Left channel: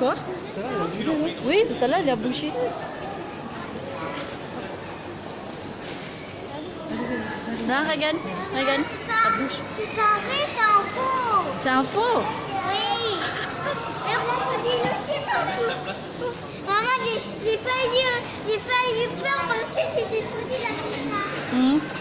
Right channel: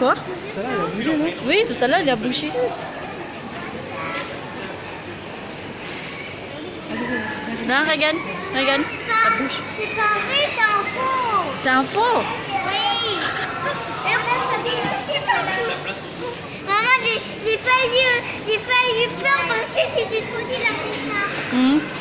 Quoi? Oui, tout à l'heure, il a bougé. Non, regarde, regarde, ça bouge. C'est pas vrai, c'est un faux. C'est un faux? Oui. Et on s'habille aussi sur la... Maman, j'ai failli perdre parce que c'était trop dit la fait ça.